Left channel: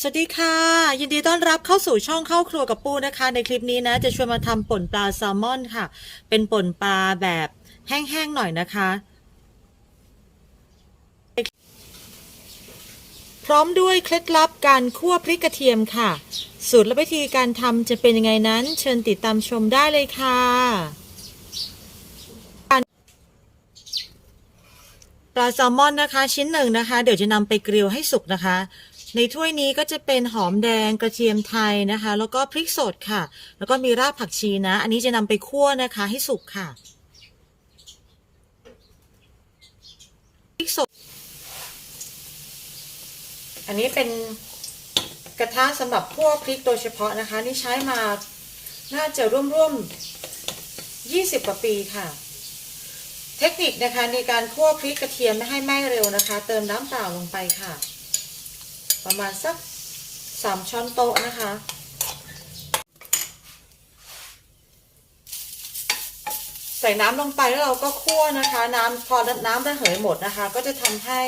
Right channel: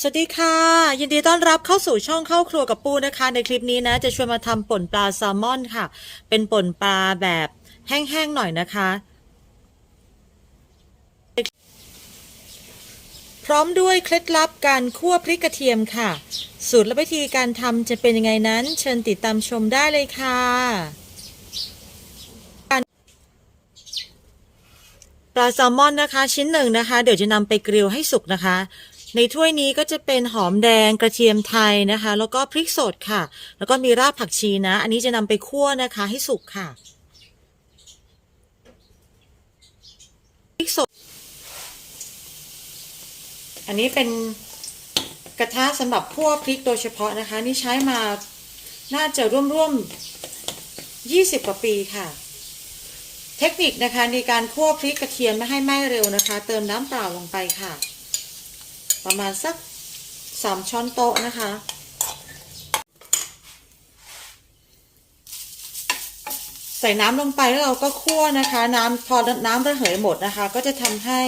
สวัสดีค่ะ ยินดีต้อนรับเข้าสู่ช่องเข้าครัวกับปูนะคะ ในคลิปนี้นะ จะชวนมาทำป่นปลาแซลมอนค่ะ เป็นป่นปลาแบบแห้งๆหน่อยนะคะ พร้อมด้วยเคล็ดลับการคั่วพริกกระเทียมค่ะ สูตรและวิธีการทำจะเป็นยังไงนั้น เชิญติดตามชมได้เลยค่ะปลาแซลมอนนะคะ ชิ้นหนึ่งนะคะ เดี๋ยวจะนำไปกริลให้สุกนะคะ ในถ้วยนี้ก็จะเป็นหอมแดงกระเทียมไทยนะคะ แล้วก็พริกสดค่ะ แล้วก็มีรากผักชีนะ อันนี้จะนำไปคั่วนะคะให้สุกค่ะพริกสด อันนี้เป็นกระทะสำหรับคั่วพริกโดยเฉพาะนะคะ นี่ใช้มาน่าจะร่วมๆ20กว่าปีค่ะเทคนิคนะคะในการคั่วพริกกระเทียมไม่ให้ไหม้เร็วนะคะ เติมน้ำเปล่าลงไปค่ะ ประมาณสักสามช้อนโต๊ะนะคะ ใส่น้ำลงไปแล้วเราก็คั่วนะคะ น้ำพอน้ำระเหยหมดนะคะ ก็จะทำให้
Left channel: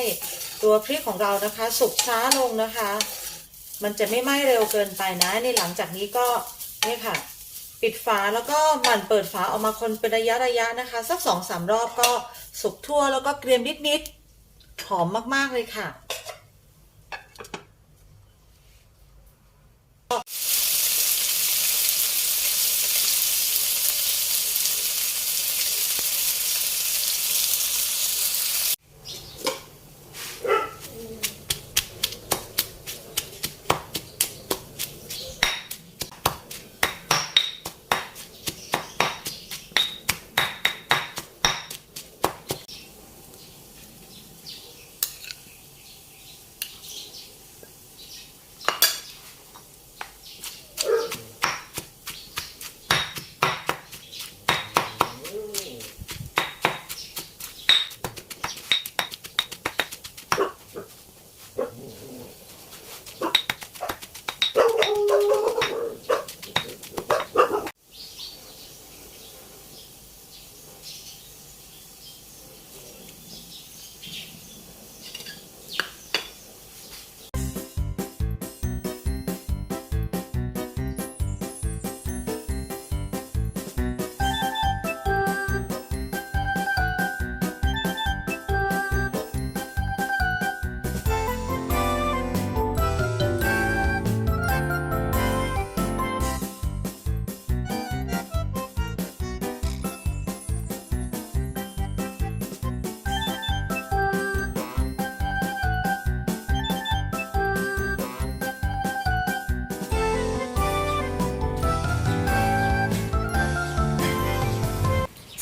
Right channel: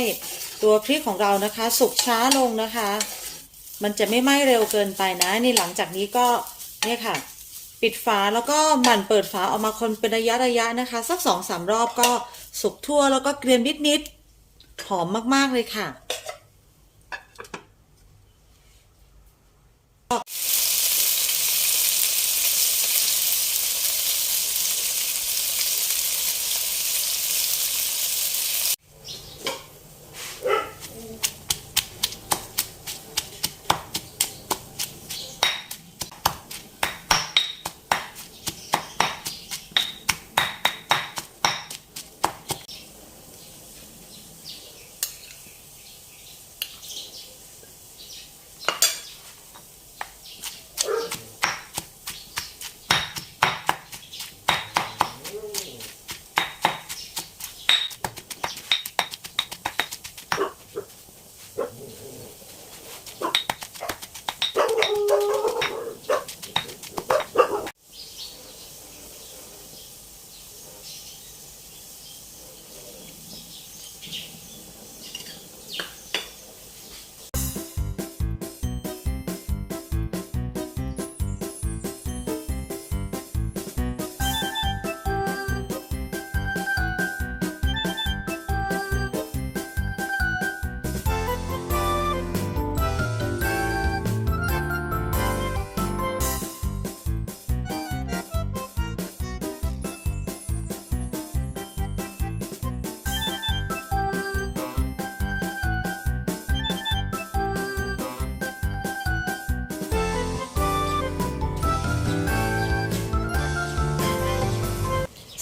ตัวพริกของเรานะคะ สุกช้าลงนะคะ มันจะไม่ไหม้เร็วเกินไปนะนี่หลังจากนี้ก็เนี่ยค่ะ ปิดฝาแล้วก็หมั่นเปิดฝาออกมาคนเป็นระยะระยะนะคะ สักสองสามรอบก็สุกทั่วแล้วก็เกรียมนิดๆหอมมากๆเลยค่ะ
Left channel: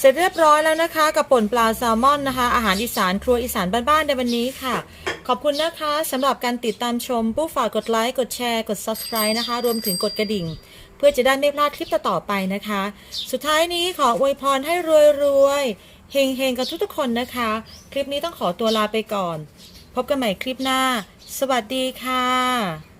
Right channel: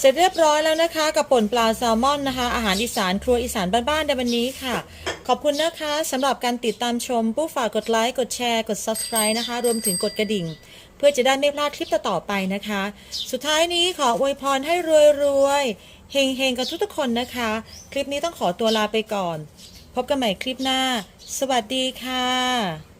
เสร็จเรียบร้อยแล้วนะคะ กับป่นปลาแซลมอนนะคะ อาหารอีสานครัวอีสานบ้านๆในวันนี้ค่ะ ขอบคุณนะคะสำหรับการติดตามชม ผู้ฝากกดไลค์กดแชร์กด subscribe นะคะ รวมถึงกดกระดิ่ง เพื่อจะได้ไม่พลาดคลิปต่อๆไปนะคะ สุดท้ายนี้ขออวยพรให้รวยๆเฮงๆกับทุกๆคนนะคะ คลิปนี้ต้องขอตัวลาไปก่อน พบกันใหม่คลิปหน้า สวัสดีค่ะ